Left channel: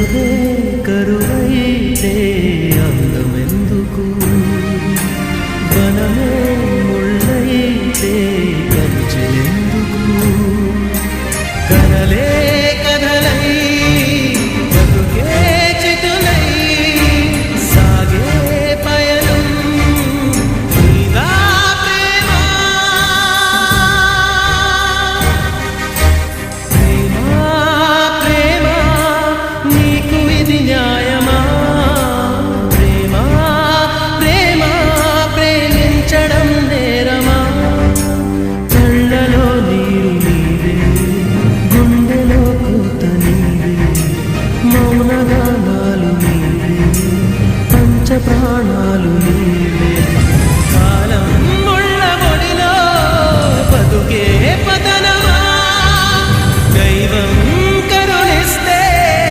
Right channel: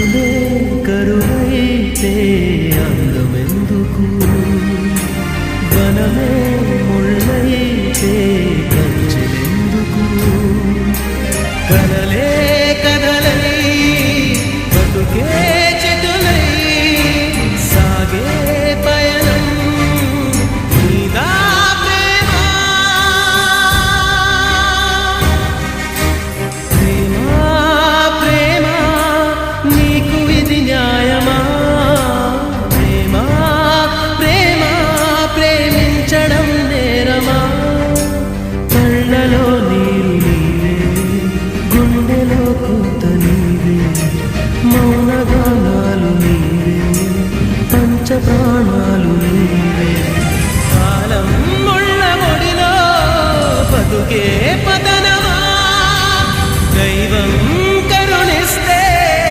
కనులే కరువైతే అందమెందుకు, వనమే ముళ్ళైతే కంచెలెందుకు, కలలే కథలై బతుకే చితులై సాగే పయనం నీదా ప్రేమ. ప్రేమ ప్రేమ నీకు ఇది న్యాయమా? ప్రేమ ప్రేమ ప్రేమించడం నేరమా? కళ్ళలో నీరు నీవే, గుండెలో కోత నీవే, మౌనగానాలు నీవే, పంచ ప్రాణాలు నీవే. కాలం ముళ్ళ ఒడిలో బతుకే